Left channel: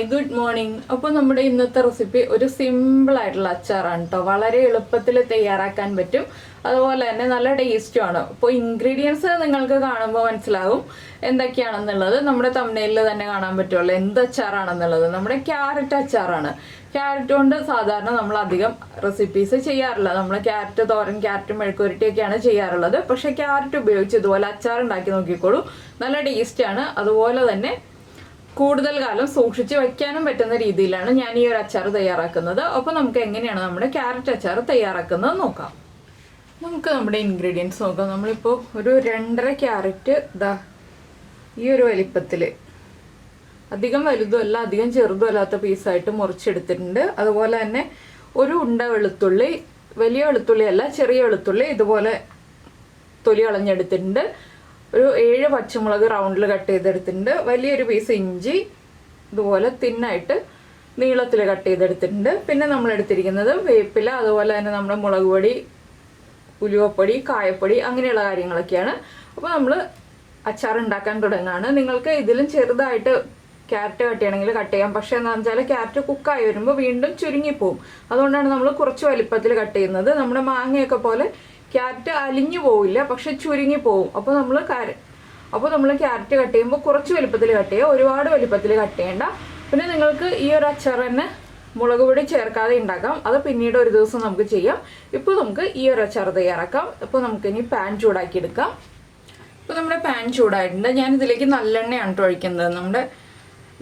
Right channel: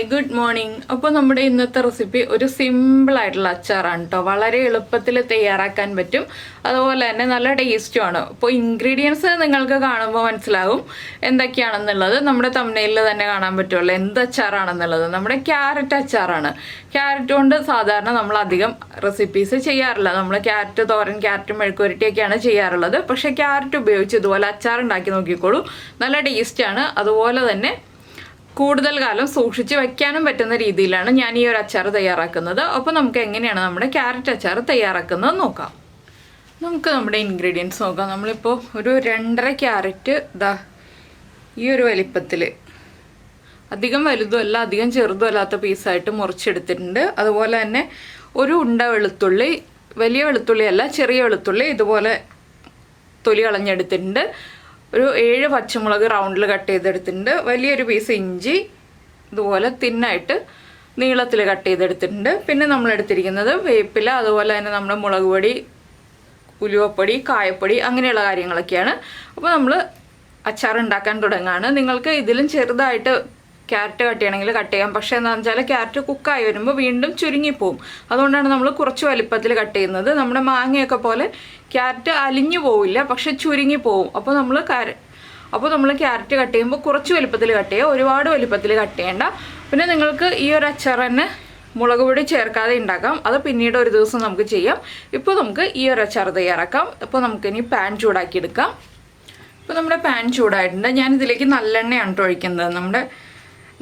Hi good morning. അപ്പോൾ നമ്മുടെ ഇന്നത്തെ റെസിപ്പി ഒരു സിമ്പിൾ ആയിട്ടുള്ള അച്ചാറാണ് കേട്ടോ. വളരെ എളുപ്പത്തിൽ തയ്യാറാക്കാൻ പറ്റും, അതുപോലെ തന്നെ നല്ല ടേസ്റ്റുമാണ്. അപ്പോൾ ഇൻഗ്രീഡിയൻസ് നിങ്ങൾക്ക് കാണുമ്പോൾ മനസ്സിലാകും എന്തൊക്കെയാണെന്നുള്ളത്. നമ്മുടെ തംബ്നെയിലിൽ തന്നെ കാണാൻ പറ്റുമല്ലോ എന്ത് അച്ചാറാണെന്നുള്ളത്. നമ്മുടെ ക്യാരറ്റ് അച്ചാറാണ്. ക്യാരറ്റ് കൊണ്ട് സാധാരണ നമ്മൾ അധികം റെസിപ്പീസ് ചെയ്യാറില്ല. നമ്മൾ ക്യാരറ്റ് തോരൻ, ക്യാരറ്റ് മെഴുക്കുവരട്ടിയൊക്കെയാണ് ചെയ്യാറുള്ളത്. പക്ഷേ ക്യാരറ്റ് ഉപയോഗിച്ച് ഇതുപോലെ അച്ചാർ ഉണ്ടാക്കി നോക്കിക്കോളൂ, നല്ല ടേസ്റ്റാണ്. അതുപോലെ തന്നെ കൂടുതൽ കാലം സൂക്ഷിച്ച് വെക്കാനും പറ്റുന്ന രീതിയിലാണ് ഞാൻ ഈ ഒരു അച്ചാർ തയ്യാറാക്കുന്നത്. അപ്പോൾ നമുക്ക് എങ്ങനെയാണ് നമ്മുടെ ക്യാരറ്റ് അച്ചാർ തയ്യാറാക്കുന്നത് നോക്കാം. നമുക്ക് നമ്മുടെ ഇൻഗ്രീഡിയൻസ് നോക്കാം. നമ്മളിപ്പോൾ ഒരു 2.5 ക്യാരറ്റ് ഈ ഒരു വലിപ്പത്തിൽ, അധികം വലുതുമല്ല അധികം ചെറുതുമല്ലാത്ത പീസായിട്ട് മുറിച്ചെടുത്തിട്ടുണ്ട്. അതുപോലെ തന്നെ ഒരു ഉണ്ട വെളുത്തുള്ളി, വലിയ വെളുത്തുള്ളിയല്ല ചെറിയ വെളുത്തുള്ളി, ഇതുപോലെ തൊലി കളഞ്ഞെടുത്തിട്ടുണ്ട്. ഒരു 7 പച്ചമുളക് റൗണ്ടിൽ കട്ട് ചെയ്തെടുത്തിട്ടുണ്ട്. വലിയൊരു പീസ് ഇഞ്ചി ഇതുപോലെ തിന്നായിട്ട് നീളത്തിൽ കട്ട് ചെയ്തെടുത്തിട്ടുണ്ട്. പിന്നെ നമ്മൾ എടുത്തിരിക്കുന്നത് വേപ്പില, അതുപോലെ തന്നെ നമ്മുടെ മുളക് പൊടി, ഉലുവപ്പൊടി, കായപ്പൊടി, അങ്ങനെയുള്ള കാര്യങ്ങളൊക്കെയാണ്. അപ്പോൾ നമ്മൾ അച്ചാർ ഉണ്ടാക്കാൻ തുടങ്ങുകയാണ്. നിങ്ങൾക്ക് ഇതിലും ചെറുതായിട്ട് ക്യാരറ്റ് കട്ട് ചെയ്യണമെങ്കിൽ കട്ട് ചെയ്യാം. പക്ഷേ എന്താണെന്ന് വെച്ചാൽ ക്യാരറ്റ് കുക്കായി വരുമ്പോൾ വീണ്ടും ചുരുങ്ങിപ്പോവും. അതുകൊണ്ടാണ് നമ്മൾ കുറച്ച് വലിപ്പത്തിൽ കട്ട് ചെയ്യുന്നത്. നമ്മുടെ മാങ്ങയൊക്കെ പോലെ ക്യാരറ്റ് അലിഞ്ഞു പോവില്ല, പക്ഷെ ചുരുങ്ങി പോവും. അപ്പോൾ നമ്മൾ ക്യാരറ്റ് കട്ട് ചെയ്യുമ്പോൾ കുറച്ച് വലിപ്പത്തിൽ കട്ട് ചെയ്യുക, ഒരുപാട് വലിപ്പത്തിൽ കട്ട് ചെയ്യേണ്ട. പിന്നെ നിങ്ങൾക്ക് ഈ ഒരു അച്ചാർ തന്നെ മുളക് പൊടി ചേർക്കാതെ ഉണ്ടാക്കാം, അത് പിന്നീട് ഒരു ദിവസം നമുക്ക് ചെയ്യാം. ഇപ്പോൾ നമുക്ക് ഈ ഒരു അച്ചാർ തയ്യാറാക്കാം. അപ്പോൾ നമുക്കിനി പാൻ ചൂടാക്കി എടുക്കാം. ഇപ്പോൾ നമ്മുടെ പാൻ ചൂടായിട്ടുണ്ട്. ഞാനിതിലേക്ക് നല്ലെണ്ണയാണ് ഒഴിക്കുന്നത്. നമ്മുടെ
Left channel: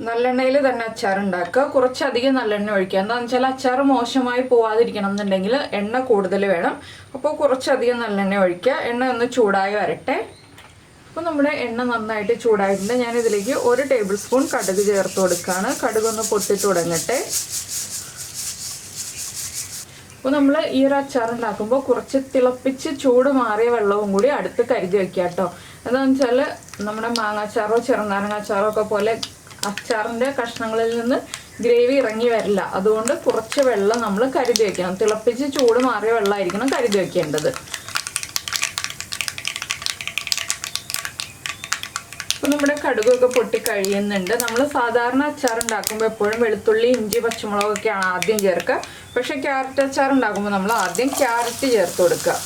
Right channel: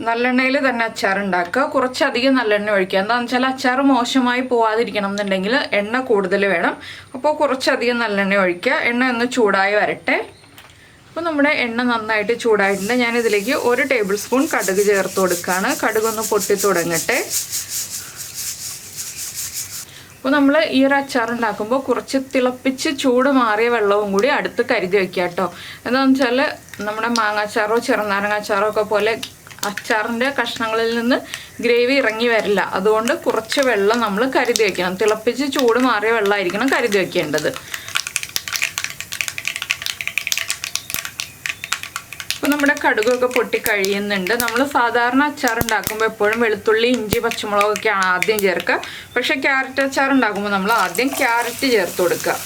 നല്ലെണ്ണയിൽ തന്നെ അച്ചാർ ഉണ്ടാക്കുക. കുറച്ചധികം നല്ലെണ്ണ ഒഴിക്കുക. എന്താണെന്ന് വെച്ചാൽ അച്ചാർ മോശമായി പോവാതിരിക്കണം എന്നുണ്ടെങ്കിൽ എണ്ണ കൂടുതൽ വേണം. അപ്പോൾ കുറച്ചധികം നല്ലെണ്ണ ഒഴിക്കുക. എണ്ണ ഒന്ന് ചൂടായി വരട്ടെ. അപ്പോൾ നമ്മുടെ എണ്ണ നന്നായിട്ട് ചൂടായിട്ടുണ്ട്. ഞാനിതിലേക്ക് 1 ടേബിൾ സ്പൂൺ കടുക് ചേർത്ത് കൊടുക്കുകയാണ്. കടുകൊന്ന് പൊട്ടി തുടങ്ങട്ടെ. അപ്പോൾ നമ്മൾ ഈ ഒരു അച്ചാർ ഉണ്ടാക്കുമ്പോൾ കുറച്ച് തിളപ്പിച്ച് ചൂട് മാറിയ വെള്ളവും കൂടി അടുത്ത് കരുതി വയ്ക്കുക കേട്ടോ. എന്താണെന്ന് വെച്ചാൽ നമ്മുടെ മാങ്ങാച്ചാറോ ചെറുനാരങ്ങ അച്ചാറോ ഒക്കെ പോലെ അച്ചാറിൻ്റെ കഷ്ണങ്ങളിൽ നിന്ന് ഗ്രേവി ഇറങ്ങി വരില്ല. അതുകൊണ്ട് കുറച്ച് വെള്ളം നമ്മൾ കരുതി വയ്ക്കണം. തിളപ്പിച്ച് ചൂട് മാറിയ വെള്ളമായിരിക്കണം കരുതി വയ്ക്കേണ്ടത്. അപ്പോൾ നമ്മുടെ കടുകൊക്കെ പൊട്ടി കഴിയുന്നുണ്ട്. നമ്മൾ സാധാരണ അച്ചാർ ഉണ്ടാക്കുമ്പോൾ എപ്പോഴും വെളുത്തുള്ളി, ഇഞ്ചി, പച്ചമുളകൊക്കെയാണ് ആദ്യം ചേർക്കുക. പക്ഷേ ക്യാരറ്റ് അച്ചാർ ഉണ്ടാക്കുമ്പോൾ നമ്മൾ ആദ്യം ക്യാരറ്റ് ചേർത്ത് കൊടുക്കുക.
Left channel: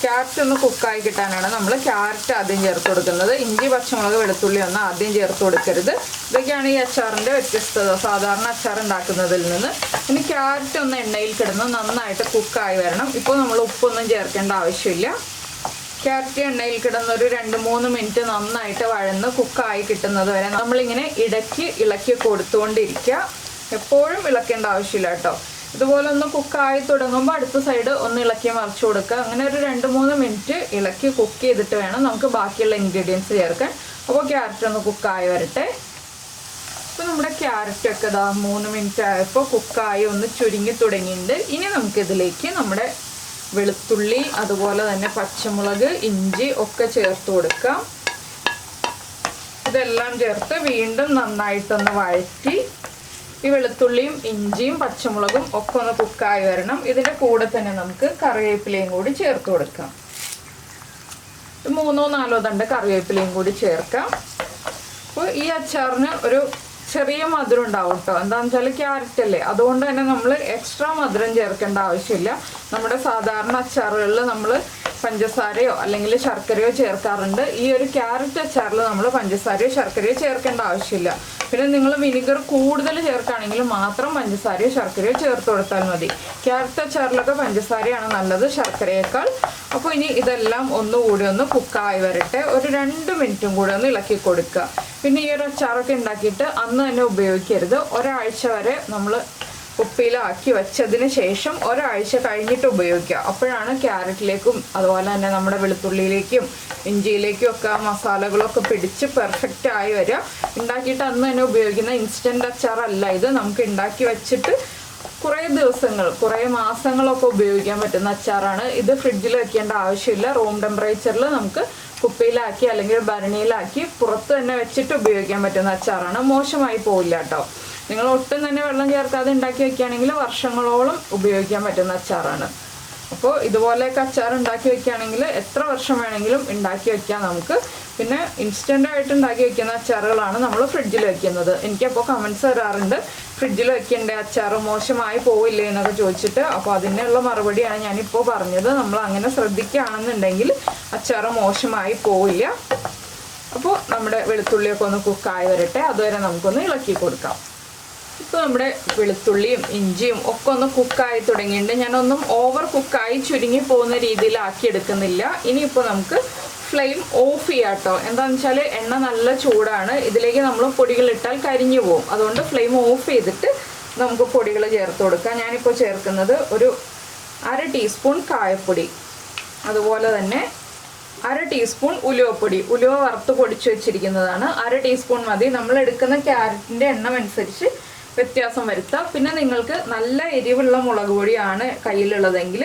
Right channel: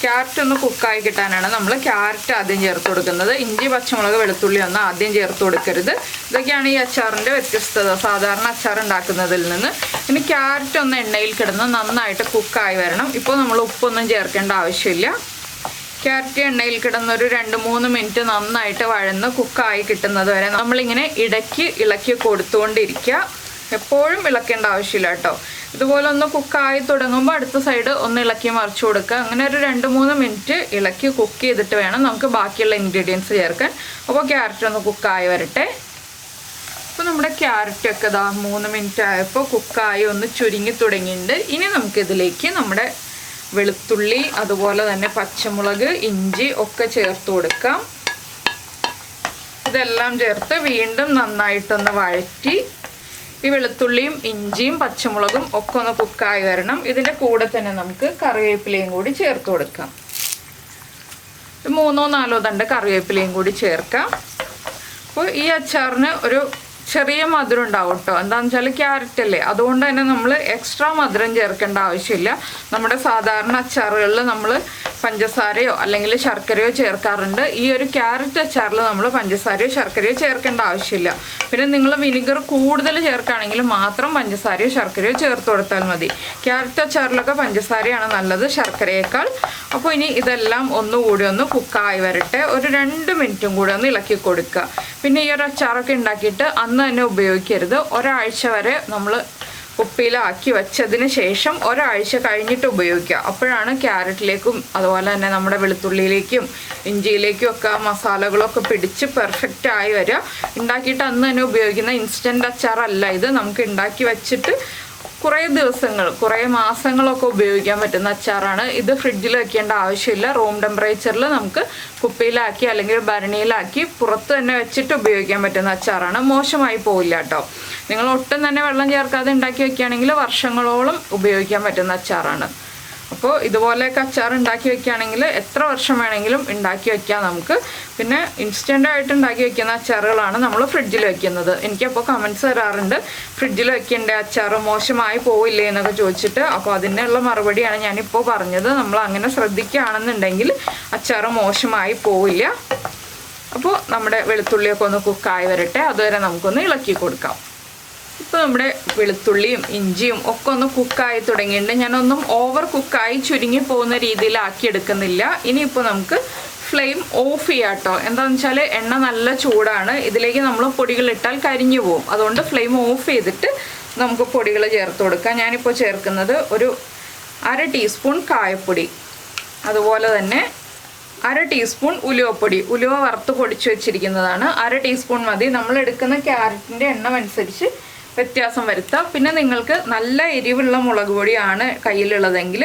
ക്യാരറ്റ് ഒന്ന് കുക്കായി കിട്ടാനാണ് നമ്മൾ ക്യാരറ്റ് ആദ്യം ചേർത്ത് കൊടുക്കുന്നത്. ഇഞ്ചി, പച്ചമുളക്, വെളുത്തുള്ളി ഒന്നും ആദ്യം ചേർത്ത് കൊടുക്കരുത്. ഇതൊക്കെയാണ് ഈ അച്ചാറിൻ്റെ വ്യത്യസ്തത സാധാരണ അച്ചാർ ഉണ്ടാക്കുന്നതിൽ നിന്ന്. ഇനി ക്യാരറ്റ് ഒന്ന് എണ്ണയിൽ കിടന്ന് നന്നായിട്ട് കുക്കായി വരണം. ഇപ്പോൾ നമ്മൾ ഉപ്പൊന്നും ചേർക്കേണ്ട ആവശ്യമില്ല. ക്യാരറ്റ് എണ്ണയിൽ കിടന്ന് ഒരു 2-3 മിനിറ്റ് നന്നായിട്ട് വഴന്ന് കുക്കായി കിട്ടുന്നത് വരെ നമ്മളിങ്ങനെ ഇടയ്ക്ക് ഇളക്കി കൊടുത്തുകൊണ്ടിരിക്കുക. എപ്പോഴും ഇളക്കേണ്ട ആവശ്യമില്ല കേട്ടോ. ഇതുപോലെ ഒന്ന് കുക്കായി തുടങ്ങുമ്പോൾ അടുത്ത സൈഡ് ഒന്ന് ഇളക്കി മറിച്ച് കൊടുക്കുക. അങ്ങനെ ഒരു 2-3 മിനിറ്റ് ഇളക്കി കുക്ക് ചെയ്തിട്ട് വേണം നമുക്ക് ബാക്കിയുള്ള ഇൻഗ്രീഡിയൻസ് ചേർക്കാൻ. അപ്പോൾ ക്യാരറ്റ് ഒന്ന് കുക്കായി വരട്ടെ. അപ്പോൾ നമ്മുടെ ക്യാരറ്റൊക്കെ 3 മിനിറ്റ് ആയപ്പോൾ കുക്കായി ഒന്ന് ചുരുങ്ങി തുടങ്ങിയിട്ടുണ്ട്. ഇനി നമുക്കിതിലേക്ക് നമ്മുടെ വെളുത്തുള്ളി, അതുപോലെ തന്നെ പച്ചമുളക്, ഇഞ്ചി ഒക്കെ ചേർത്ത് കൊടുക്കാം. ഇതെല്ലാം ചേർത്ത് വീണ്ടും നന്നായിട്ടൊന്ന് വഴറ്റി ഈ വെളുത്തുള്ളിയും ഇഞ്ചിയും പച്ചമുളകും ഒക്കെ ഒന്ന് കുക്കായി വരണം. ഇതിൻ്റെ കൂടെ തന്നെ നമുക്ക് കറിവേപ്പിലയും കൂടി ചേർത്ത് കൊടുക്കാം. 3-4 തണ്ട് കറിവേപ്പിലയും കൂടി ചേർക്കാം. അപ്പോൾ ഈ അച്ചാറിന് ഒരു ചെറിയ മധുരം ഉണ്ടാവും കേട്ടോ. എന്താണെന്ന് വെച്ചാൽ ക്യാരറ്റ് അല്ലേ, അതുകൊണ്ട് തന്നെ നമ്മൾ എക്സ്ട്രാ മധുരം ചേർക്കേണ്ട ആവശ്യമില്ല. നമ്മുടെ സാധാരണ അച്ചാറുകളിൽ നമ്മൾ പഞ്ചസാരയോ അല്ലെങ്കിൽ ശർക്കരയോ ചേർക്കാറുണ്ട്. ഈ ഒരു ക്യാരറ്റ് അച്ചാറിൽ നമ്മൾ പഞ്ചസാരയോ ശർക്കരയോ ചേർക്കേണ്ട ആവശ്യമില്ല. പിന്നെ നിങ്ങൾ വിനിഗർ കൂടുതൽ ചേർക്കുകയാണെങ്കിൽ മാത്രം പഞ്ചസാരയോ ശർക്കരയോ ചേർത്ത് കൊടുത്താൽ മതി. ക്യാരറ്റ് അച്ചാറിലൊക്കെ പഞ്ചസാരയാണ് നല്ലത് ശർക്കരയേക്കാൾ. അപ്പോൾ ഇനി ഇതെല്ലാം ഒന്നുകൂടി ഒന്ന് കുക്കായി വരട്ടെ. ഒരു 2 മിനിറ്റും കൂടി ഒന്ന് ഇളക്കി കൊടുക്കുക. പിന്നെ ഈ ഒരു അച്ചാറൊക്കെ ഉണ്ടാക്കിയിട്ട് അന്ന് തന്നെ ഉപയോഗിക്കരുത്. ഒരാഴ്ച വരെ നമ്മൾ കുപ്പിയിലാക്കി വെച്ചതിന് ശേഷം ഒരാഴ്ച കഴിഞ്ഞിട്ട് ഉപയോഗിക്കുക. അപ്പോഴാണ് ക്യാരറ്റിലേക്കും അതുപോലെ തന്നെ നമ്മുടെ വെളുത്തുള്ളിയിലേക്കും ഇഞ്ചിയിലേക്കും ഒക്കെ മസാലകളൊക്കെ പിടിച്ച് പെർഫെക്റ്റ് ആയി വരിക. ഉണ്ടാക്കിയിട്ട് അന്ന് തന്നെ ഉപയോഗിക്കുന്ന ഇൻസ്റ്റൻറ്റ് അച്ചാറല്ല ഇത്. നമുക്ക് ഉണ്ടാക്കി വെച്ചിട്ട് കുറേ ദിവസങ്ങൾ, കുറേ മാസങ്ങളൊക്കെ ഉപയോഗിക്കാൻ പറ്റുന്ന അച്ചാറാണ് ഇത്. ഫ്രിഡ്ജിൽ വെക്കേണ്ട ആവശ്യമില്ല. റൂം ടെമ്പറേച്ചറിൽ നമുക്ക് കുപ്പിയിലാക്കി അല്ലെങ്കിൽ ഭരണിയിലാക്കി പുറത്ത് തന്നെ വെച്ചിട്ട് ഉപയോഗിക്കാൻ പറ്റുന്ന അച്ചാറാണ്. മോശമായി പോവില്ല കേട്ടോ. നിങ്ങൾ ഒട്ടും തന്നെ വെള്ളം ചേർക്കാതെ ഉണ്ടാക്കി വെക്കുകയാണെങ്കിൽ വർഷങ്ങളോളം ഉപയോഗിക്കാൻ പറ്റുന്ന അച്ചാറാണ്. അപ്പോൾ ഇതുപോലെയൊക്കെ അച്ചാർ ഉണ്ടാക്കി വെക്കുകയാണെങ്കിൽ എത്ര വർഷം വേണമെങ്കിലും ഉണ്ടാക്കി വെക്കാം നമുക്ക്. പിന്നെ ഇൻസ്റ്റൻ്റ് ആയിട്ട് ഉണ്ടാക്കി വെക്കുന്ന അച്ചാറുകളാണ് നമ്മൾ ഫ്രിഡ്ജിൽ വെക്കുന്നത്. എനിക്കപ്പോൾ കമൻറ്റ്സ് വരാറുണ്ട്, ഫ്രിഡ്ജിൽ വെക്കേണ്ട അച്ചാർ മോശമായി പോവില്ലേ എന്നൊക്കെ ചോദിച്ചിട്ട്. അപ്പോൾ അതിനുള്ള മറുപടിയാണ് ഞാനിപ്പോൾ പറഞ്ഞത്. നമ്മൾ അങ്ങനെ ശ്രദ്ധിക്കുകയാണെന്നുണ്ടെങ്കിൽ അച്ചാർ മോശമായി പോവില്ല. അപ്പോൾ നമ്മുടെ വെളുത്തുള്ളിയൊക്കെ ഒന്ന് കുക്കായി വരട്ടെ, അതുവരെ നമുക്കൊന്ന് ഇളക്കി കൊടുക്കാം. ഇപ്പോൾ നമ്മുടെ വെളുത്തുള്ളിയും ഇഞ്ചിയും ഒക്കെ ഒന്ന് കുക്കായി തുടങ്ങിയിട്ടുണ്ട്. ഞാനൊന്നും ഓവർ കുക്കായി ചുരുങ്ങി പോകുന്ന രീതിയിലാക്കി എടുക്കുന്നില്ല. ഇനിയിപ്പോൾ നമുക്ക് ഫ്ലെയിം ഓഫ് ചെയ്യാം കേട്ടോ. എന്താണെന്ന് വെച്ചാൽ എണ്ണ നല്ല ചൂടാണ്, ഇതിലേക്ക് നമ്മൾ പൊടികൾ ഇട്ടാൽ കരിഞ്ഞു പോകും. അതുകൊണ്ട് ഫ്ലെയിം ഓഫ് ചെയ്തിട്ട് നമുക്ക് പൊടികൾ ചേർത്ത് കൊടുക്കാം. ഞാനിപ്പോൾ ചേർക്കുന്നത് ഒരു 1/2 ടീസ്പൂൺ കായപ്പൊടി, അതുപോലെ തന്നെ 1/2 ടീസ്പൂൺ ഉലുവപ്പൊടി. ഉലുവ വറുത്ത് പൊടിച്ച് വെച്ചിരിക്കുന്നതാണ്. 1/2 ടീസ്പൂൺ മതി. നമ്മൾ എടുക്കുന്ന ക്യാരറ്റിൻ്റെ എണ്ണം അനുസരിച്ച് വ്യത്യാസം വരുത്താം. പിന്നെ നിങ്ങൾക്ക് നല്ല എരിവുള്ള മുളക് പൊടിയാണ് കയ്യിലുള്ളതെങ്കിൽ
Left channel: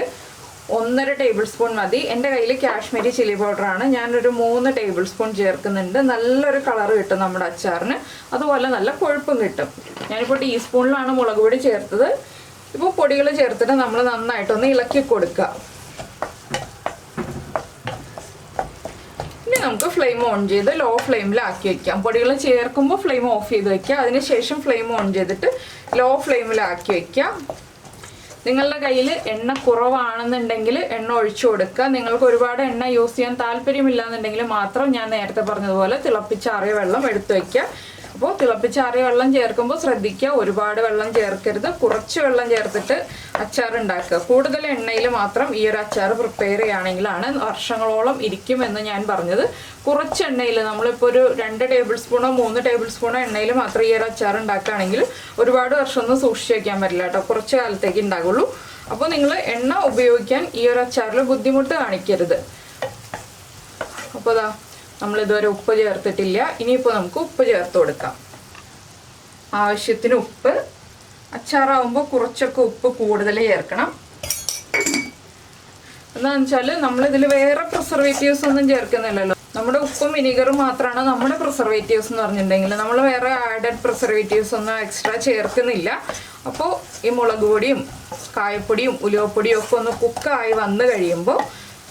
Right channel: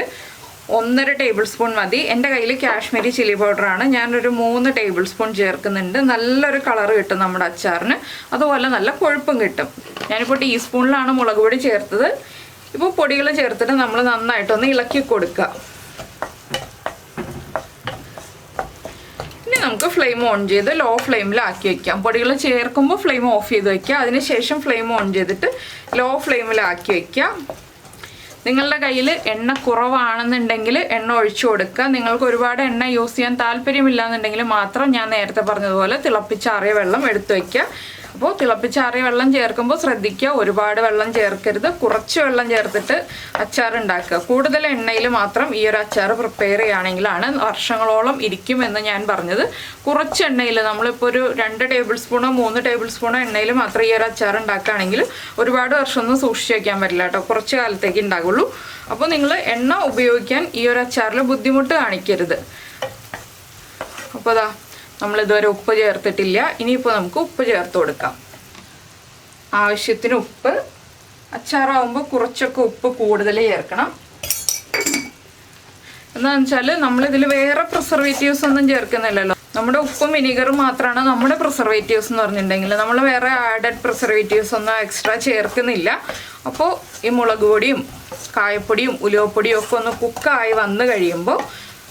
1.5 ടേബിൾ സ്പൂൺ മതി. എൻ്റെ കയ്യിൽ കാശ്മീരി ചില്ലി പൗഡറാണ്, ഞാനൊരു 3 ടേബിൾ സ്പൂൺ ചേർക്കുന്നുണ്ട്. നല്ലൊരു കളർ കിട്ടും നമ്മുടെ അച്ചാറിന്, അതുപോലെ നല്ല കൊഴുപ്പും കിട്ടും. ഞാനിപ്പോൾ ടീസ്പൂണിലാണ് മുളക് പൊടി ചേർത്തത്. ഇപ്പോൾ പൊടികൾ ചേർത്തിട്ട് നമ്മൾ നന്നായിട്ടൊന്ന് ഇളക്കി കൊടുക്കുക. ഇനി നമുക്ക് ഫ്ലെയിം ഓൺ ചെയ്ത് ലോ ഫ്ലെയിമിലാക്കി വെക്കാം. പൊടികൾ ചേർക്കുമ്പോൾ ഫ്ലെയിം ഓഫ് ചെയ്ത് വെക്കുക, അതിനുശേഷം ഫ്ലെയിം ഓൺ ചെയ്തിട്ട് ലോ ഫ്ലെയിമിലാക്കി വെക്കാം. നിങ്ങളുടെ കയ്യിൽ എണ്ണ കുറവാണെന്നുണ്ടെങ്കിൽ എണ്ണ ഒഴിച്ചു കൊടുക്കുക. നിങ്ങൾക്ക് ഒരുപാട് എണ്ണ യൂസ് ചെയ്യാൻ താല്പര്യമില്ല എന്നുണ്ടെങ്കിൽ മാത്രം ഞാൻ നേരത്തെ പറഞ്ഞതുപോലെ തിളപ്പിച്ചാറിയ വെള്ളം എടുത്തു വയ്ക്കുക. അപ്പോൾ തിളപ്പിച്ചാറിയ വെള്ളം ചേർക്കുമ്പോൾ ശ്രദ്ധിക്കുക, ഒരുപാട് വെള്ളം ചേർക്കരുത്. കുറച്ച് വെള്ളം ചേർത്തിട്ട് അച്ചാർ ഉണ്ടാക്കുക. കൂടുതൽ എണ്ണയിൽ മാത്രം ഈ ഒരു അച്ചാർ പ്രിപ്പയർ ചെയ്യുകയാണെങ്കിലാണ് വർഷങ്ങളോളം ഇരിക്കുമെന്ന് ഞാൻ പറഞ്ഞത്. കുറച്ച് എണ്ണയിൽ നമ്മളിപ്പോൾ ഒരു 2 ടേബിൾ സ്പൂണോ 3 ടേബിൾ സ്പൂണോ എണ്ണയിൽ മാത്രം ഈ ഒരു അച്ചാർ ഉണ്ടാക്കുകയാണെങ്കിൽ ഒരുപാട് വർഷമൊന്നും സൂക്ഷിച്ച് വയ്ക്കാൻ പറ്റില്ല കേട്ടോ, കുറച്ച് കാലത്തേക്ക് ഉണ്ടാകുള്ളൂ. അപ്പോൾ നിങ്ങൾ എണ്ണ ഉപയോഗിക്കാൻ ഈ ഒരു അച്ചാറിൽ ബുദ്ധിമുട്ട് കാണിക്കരുത്. അപ്പോൾ അതാ നമ്മളിതുവരെ ഉപ്പ് ചേർത്തിട്ടില്ല. ഇനിയിപ്പോൾ നമുക്ക് ഉപ്പ് ചേർത്ത് കൊടുക്കാം. ആവശ്യത്തിന് ഉപ്പ്. അച്ചാറാവുമ്പോൾ കുറച്ചൊക്കെ ഉപ്പ് കൂടുതൽ ചേർക്കണം. എന്താണെന്ന് വെച്ചാൽ നമ്മളിതിൽ വേറെ പ്രിസർവേറ്റീവ്സ് ഒന്നും ചേർക്കുന്നില്ലല്ലോ. നമ്മുടെ ഉപ്പും വിനീഗറും മാത്രമാണ് നമ്മുടെ പ്രിസർവേറ്റീവ്സ് എന്ന് പറഞ്ഞിട്ടുണ്ടെങ്കിൽ. നമ്മൾ വേറെ ആഡഡ് പ്രിസർവേറ്റീവ്സ് ഒന്നും എക്സ്ട്രാ ചേർക്കുന്നില്ല. അപ്പോൾ ഈ മുളക് പൊടിയും കായപ്പൊടിയും ഉലുവപ്പൊടിയും ഒക്കെ ഒന്ന് കുക്കായി വന്നു കഴിയുമ്പോൾ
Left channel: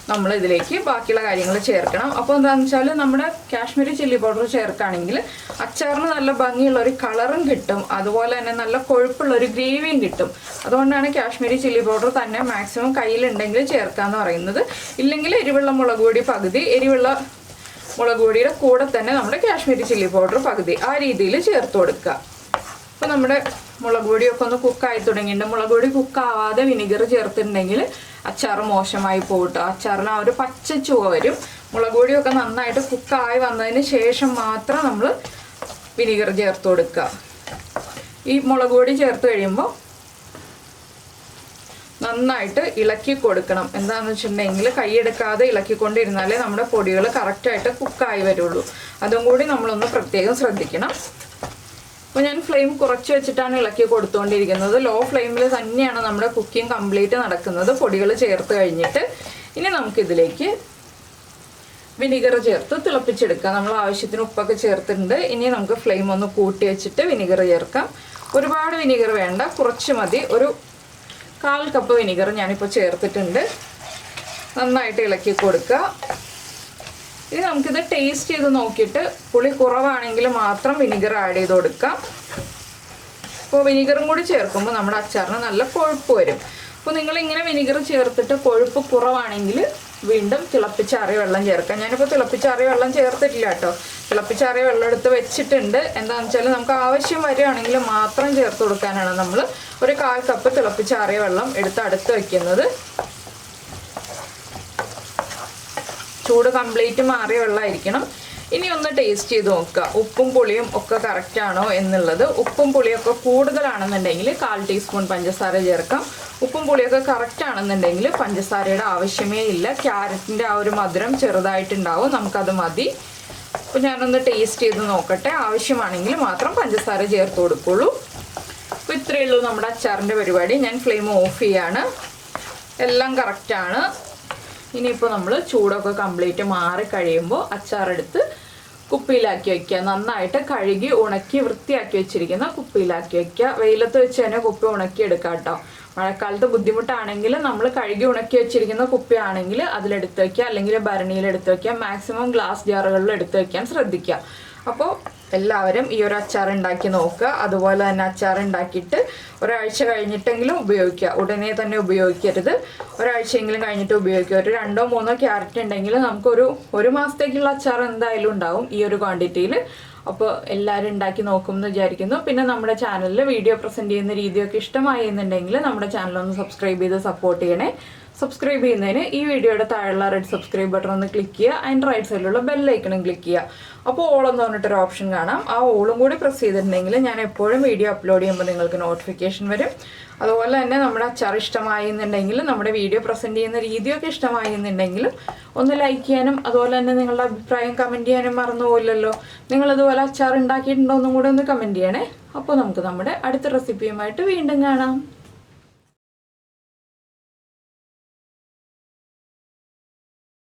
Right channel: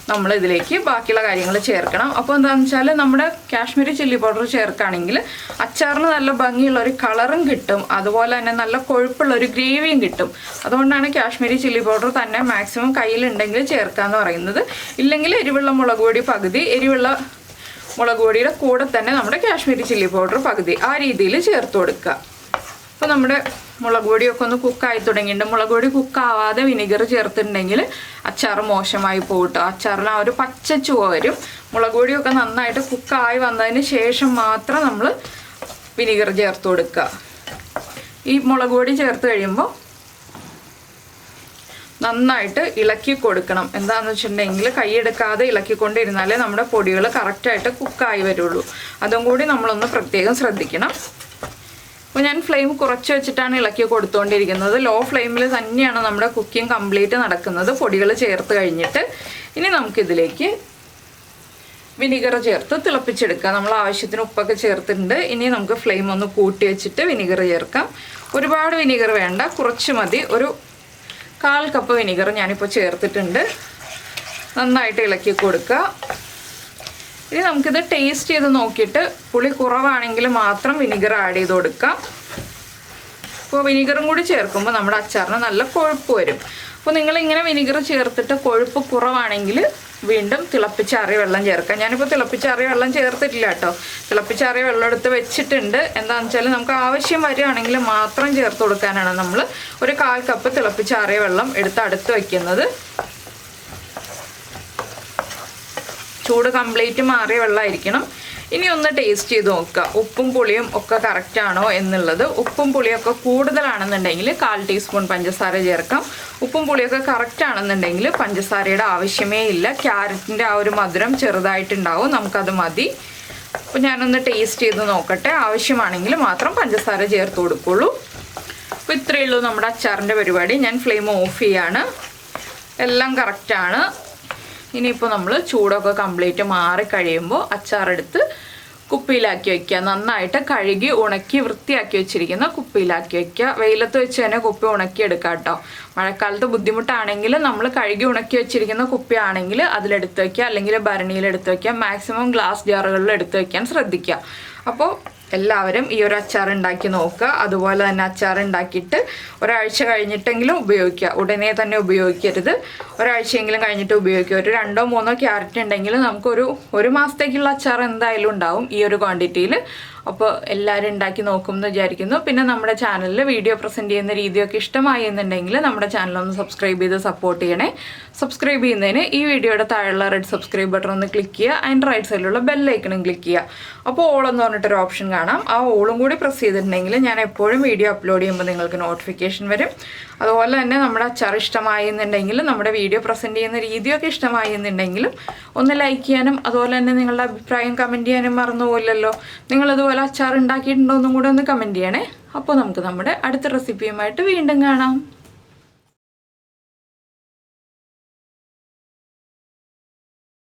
നമ്മളിതിലേക്ക് ബാക്കിയുള്ള കാര്യങ്ങൾ ചേർക്കണം. അപ്പോൾ എന്താണെന്ന് വെച്ചാൽ നമ്മുടെ കാശ്മീരി ചില്ലി പൗഡർ ചേർക്കുകയാണെങ്കിൽ അച്ചാറിന് നല്ല ഭംഗിയുള്ള ഒരു കളറും കിട്ടും, അതുപോലെ തന്നെ നല്ല കൊഴുപ്പുള്ള ഒരു ഗ്രേവിയും കിട്ടും. അതുകൊണ്ടാണ് കാശ്മീരി ചില്ലി പൗഡർ തന്നെ മാക്സിമം കയ്യിലുണ്ടെങ്കിൽ ചേർക്കാമെന്ന് പറയുന്നത്. ഇല്ലെങ്കിൽ എരിവുള്ള മുളക് പൊടി പകുതി, എരിവുള്ള മുളക് പൊടിയുടെ കൂടെ തന്നെ നമ്മുടെ കാശ്മീരി ചില്ലി പൗഡർ പകുതി, ആ രീതിയിൽ ചേർത്ത് കൊടുക്കുക. അപ്പോൾ നമ്മുടെ മുളക് പൊടിയൊക്കെ ഒന്ന് കുക്കായി തുടങ്ങിയിട്ടുണ്ട്. മുളക് പൊടി കുക്കാവാതെ വിനിഗർ ചേർത്തിട്ടുണ്ടെങ്കിൽ അച്ചാർ മോശമായി പോകട്ടോ. അച്ചാറിന് ആ ഒരു പച്ച ചുവ വരും. മുളക് പൊടിയൊക്കെ നന്നായിട്ട് കുക്കായി വന്നതിന് ശേഷം മാത്രം നമ്മൾ വിനിഗർ ചേർത്ത് കൊടുക്കുക. ഈ മുളക് പൊടി ചേർത്ത് കഴിയുമ്പോൾ നന്നായിട്ട് ഇളക്കി കൊടുക്കണം. എന്താണെന്ന് വെച്ചിട്ടുണ്ടെങ്കിൽ കൈയെടുക്കാതെ ഇളക്കിക്കൊണ്ടിരുന്നാലേ നമ്മുടെ പൊടികൾ കറക്റ്റായിട്ട് കുക്കായി വരുള്ളൂ. അതും കൂടി നമ്മളൊന്ന് പ്രത്യേകം ശ്രദ്ധിക്കണം. അപ്പോൾ ഞാൻ ഫ്ലെയിം കുറച്ച് വെച്ചിട്ടാണ് ഇളക്കി കൊടുത്തുകൊണ്ടിരിക്കുന്നത്. ലോ ഫ്ലെയിമിൽ തന്നെയാണ് നമ്മുടെ കുക്കിംഗ് കംപ്ലീറ്റ് നടക്കുന്നത് പൊടികൾ ചേർത്ത് കഴിഞ്ഞിട്ട്. ഇനി നമുക്കിതിലേക്ക് വിനിഗർ ചേർത്ത് തിളപ്പിച്ചെടുക്കാം. നമ്മൾ ആവശ്യത്തിന് ഉപ്പൊക്കെ ചേർത്തിട്ടുണ്ട്. ഇനി നമുക്ക് ഫ്ലെയിം ഒന്ന് കൂട്ടി വെച്ചിട്ട് വിനിഗർ ചേർക്കാം. ഒരുപാട് വിനിഗർ വേണ്ട, കുറച്ച് മതി. ഒരു 1/4 കപ്പ് വിനിഗർ ഞാനിപ്പോൾ ചേർത്തിട്ടുണ്ട്. നന്നായിട്ട് ഇളക്കി കൊടുക്കുക. ഇനി നമുക്കിത് ടേസ്റ്റ് ചെയ്ത് നോക്കിയിട്ട് പുളി കുറവാണെങ്കിൽ മാത്രം വിനിഗർ ആഡ് ചെയ്ത് കൊടുക്കാം. അപ്പോൾ വിനിഗറും കൂടി ചേർക്കുമ്പോൾ നമ്മുടെ അച്ചാറിന് നല്ല കൊഴുപ്പ് വരും. അപ്പോൾ നിങ്ങളിങ്ങനെ വിനിഗർ ചേർത്തിട്ട് കൊഴുപ്പ് കുറവാണെങ്കിൽ വീണ്ടും തിളപ്പിച്ചാറിയ വെള്ളം ചേർക്കാം. ഞാനിപ്പോൾ തിളപ്പിച്ചാറിയ വെള്ളം ചേർത്തിട്ടില്ല കേട്ടോ. തിളപ്പിച്ചാറിയ വെള്ളം എടുത്ത് വെച്ചിട്ടുണ്ട്. എന്താണെന്ന് വെച്ചാൽ നമുക്ക് ആവശ്യം വരികയാണെങ്കിൽ മാത്രം ചേർത്ത് കൊടുക്കാനാണ് നമ്മൾ ഒരു 1/4 കപ്പ് തിളപ്പിച്ചാറിയ വെള്ളം എടുത്ത് അടുത്ത് വയ്ക്കുന്നത്. ചൂട് കംപ്ലീറ്റ് മാറിയ വെള്ളമായിരിക്കണം. ഇനി ഒന്ന് ടേസ്റ്റ് ചെയ്ത് നോക്കുക, ഉപ്പും പുളിയും ഒക്കെ കറക്റ്റ് ആണോ എന്നുള്ളത്. ഉപ്പും പുളിയൊക്കെ കൂടുതലാണെന്നുണ്ടെങ്കിൽ 1/4 ടീസ്പൂൺ പഞ്ചസാര ചേർക്കാം. ഉപ്പും പുളിയൊക്കെ കറക്റ്റ് ആണെന്നുണ്ടെങ്കിൽ പഞ്ചസാരയുടെ ആവശ്യമേ ഇല്ല. ക്യാരറ്റിൻ്റെ ആ ഒരു മധുരം ചെറുതായിട്ടുണ്ടാവും, നമുക്കത് മതി. അപ്പോൾ ഞാനൊന്ന് ടേസ്റ്റ് ചെയ്ത് നോക്കട്ടെ. ആവശ്യമാണെങ്കിൽ മാത്രം പഞ്ചസാര ചേർത്ത് കൊടുക്കുള്ളൂ. അപ്പോൾ ഇത്രയേ ഉള്ളൂ നമ്മുടെ അച്ചാറിൻ്റെ പരിപാടി. ഞാൻ ഫ്ലെയിം ഓഫ് ചെയ്യാണ്. എല്ലാം കറക്റ്റാണ്. ഇനിയിപ്പോൾ നമ്മൾ ചൂടൊക്കെ കംപ്ലീറ്റ് മാറി കഴിയുമ്പോൾ അച്ചാറെടുത്ത് കുപ്പിയിലാക്കി വയ്ക്കുക. നന്നായിട്ട് കഴുകി ഉണക്കി വൃത്തിയാക്കി വെച്ചിരിക്കുന്ന കുപ്പിയിലാക്കി വയ്ക്കുക. വെയിലത്ത് വെച്ച് തന്നെ കുപ്പി ഉണക്കി എടുക്കാം കേട്ടോ. മഴക്കാലത്ത് ബുദ്ധിമുട്ടാണെങ്കിൽ നമ്മൾ കഴുകി ഉണക്കി വെച്ചിരിക്കുന്ന കുപ്പിയാണെങ്കിൽ അതിലെടുത്ത് വയ്ക്കുക, അല്ലെങ്കിൽ ഭരണിയിൽ എടുത്ത് വയ്ക്കുക. മാക്സിമം ഗ്ലാസ് ജാറുകളിൽ എടുത്ത് വയ്ക്കാൻ ശ്രദ്ധിക്കുക. അപ്പോൾ എല്ലാവരും ഈ ഒരു അച്ചാർ ഉണ്ടാക്കി നോക്കുക. അതുപോലെ തന്നെ അച്ചാർ ഉണ്ടാക്കിയിട്ട് ഒരാഴ്ച കഴിഞ്ഞിട്ടെങ്കിലും ഉപയോഗിക്കുക. ഉടനെ തന്നെ ഉപയോഗിക്കരുത്, ഒരാഴ്ചയെങ്കിലും കഴിഞ്ഞിട്ട് ഉപയോഗിക്കുക. ഒരു 2-3 ക്യാരറ്റ് ഉണ്ടെങ്കിൽ നമുക്കൊരു 1 മാസത്തേക്കുള്ള അച്ചാർ എന്തായാലും ഉണ്ടാവും ഈ ഒരു ക്വാണ്ടിറ്റിയിൽ. അപ്പോൾ എല്ലാവരും ഉണ്ടാക്കി നോക്കും എന്ന് വിചാരിക്കുന്നു. പിന്നെ നമ്മുടെ ചാനലിൽ വീഡിയോ പ്രസൻറ്റ് ചെയ്യുന്ന രീതിയൊക്കെ ഇഷ്ടമായി എന്നുണ്ടെങ്കിൽ നമ്മുടെ ചാനലൊന്ന് സബ്സ്ക്രൈബ് ചെയ്ത് സപ്പോർട്ട് ചെയ്യണേ. സബ്സ്ക്രൈബ് ചെയ്യുന്നതിന് ഈ വീഡിയോയുടെ താഴെയുള്ള റെഡ് സബ്സ്ക്രൈബ് ബട്ടൺ ഒന്ന് ക്ലിക്ക് ചെയ്യുക. അതിൻ്റെ റൈറ്റ് സൈഡിലുള്ള ബെല്ലൈക്കണും ക്ലിക്ക് ചെയ്യുക. അപ്പോൾ ഓൾ എന്ന് പറഞ്ഞിട്ടൊരു ഓപ്ഷൻ കാണാം. ആ ഓളും കൂടി പ്രസ് ചെയ്തിട്ടുണ്ടെങ്കിൽ ഞാൻ എപ്പോഴും വീഡിയോ അപ്ലോഡ് ചെയ്യുമ്പോൾ നിങ്ങൾക്ക് നോട്ടിഫിക്കേഷൻ വരും. അതുപോലെ തന്നെ നമ്മുടെ അച്ചാർ ഇഷ്ടമായി എന്നുണ്ടെങ്കിൽ, നമ്മുടെ വീഡിയോ പ്രസൻറ്റ് ചെയ്യുന്ന രീതിയൊക്കെ ഇഷ്ടമായി എന്നുണ്ടെങ്കിലും ഒന്ന് ലൈക്ക് ചെയ്യാനും അതുപോലെ തന്നെ നിങ്ങളുടെ അഭിപ്രായം കമൻറ്റ് ചെയ്യാനും മറന്നുപോയില്ലല്ലോ. നിങ്ങളിതുപോലെ അച്ചാർ ഉണ്ടാക്കിയിട്ടുണ്ടോ എന്നും കൂടെ ഒന്ന് കമൻറ്റ് ചെയ്യണേ. അപ്പോൾ നമുക്ക് നമ്മുടെ അടുത്ത റെസിപ്പിയുമായിട്ട് വീണ്ടും കാണാം.